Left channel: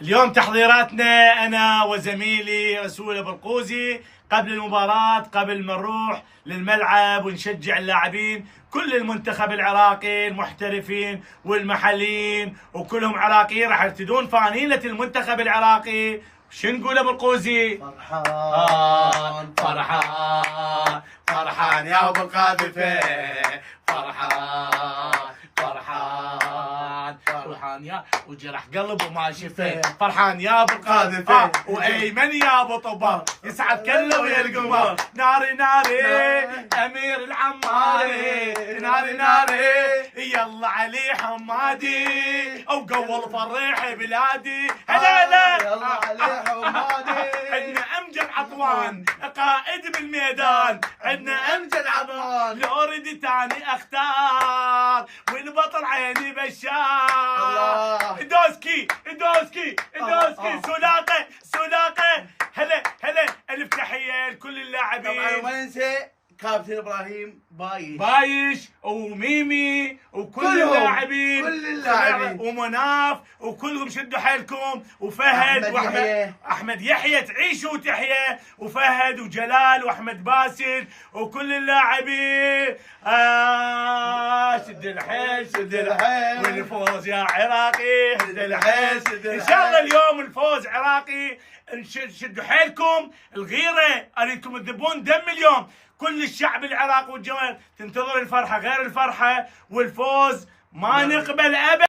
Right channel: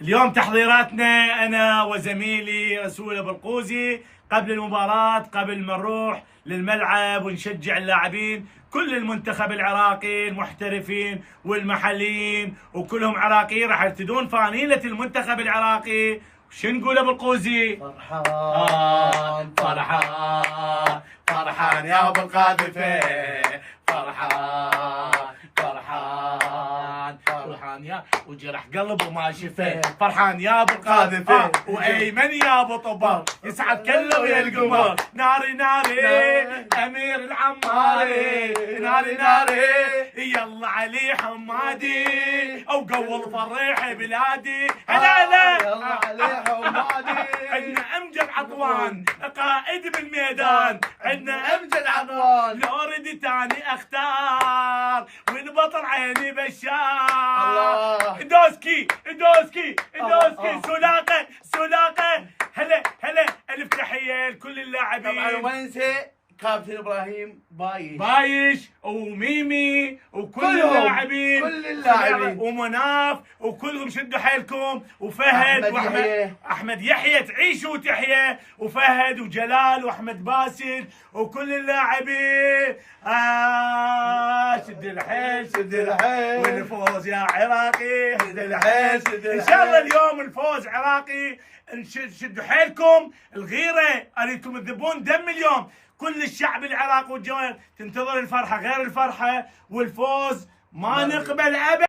اليوم تحضيراتنا أنا وزميلي رسول أبو القوزي قبل المباراة، قبل ما نروح للملعب ونشجع اللاعبين. كل المنتخب العراقي المحترفين والمحليين وكلهم عراقيين راح يرتدون فانيلة المنتخب العراقي. شو نقول أبو القوزي؟ فرحان فرحان فرحان يا ابو القاذفه، فرحان فرحان فرحان يا وجرح قلب وما شفه، فرحان يا ابو القاذفه وايمن يا ابو طبر، يسعد كله ويا القمر. ناري ناري امير العماري، ناري ناري يلا علي حمادي او قول فرح بلادي. هلا هلا يلا علي حمادي. عندنا امجد عطوان قائد بالميدان، عندنا امجد عطوان لو اريد تاني اختار والبطل عيني بشار. الله دوسكي دوسكي دوسكي سلاقه سلاقه. هلا هلا الف تحيه لكل اللاعبين. طبعا ما ننسى كابتن ابراهيم بايش وميمي وكل اللاعبين، كل اللاعبين ومناف وكلهم شدوا حيلكم، وفهد احمد يحيى تعيشوا وتحيا، وفهد وجلال واحمد باسل وكل اللاعبين. شد الحيل شد الحيل والفوز يا عراقي، شد الحيل شد الحيل. ان شاء الله اليوم الفوز عراقي. شدوا حيلكم، الغيره اريدكم تذبون دم اليوم. كل الشعب العراقي والجوال تنتظر الفرحه غير الفرحه، والفوز ما نقبل ابدا.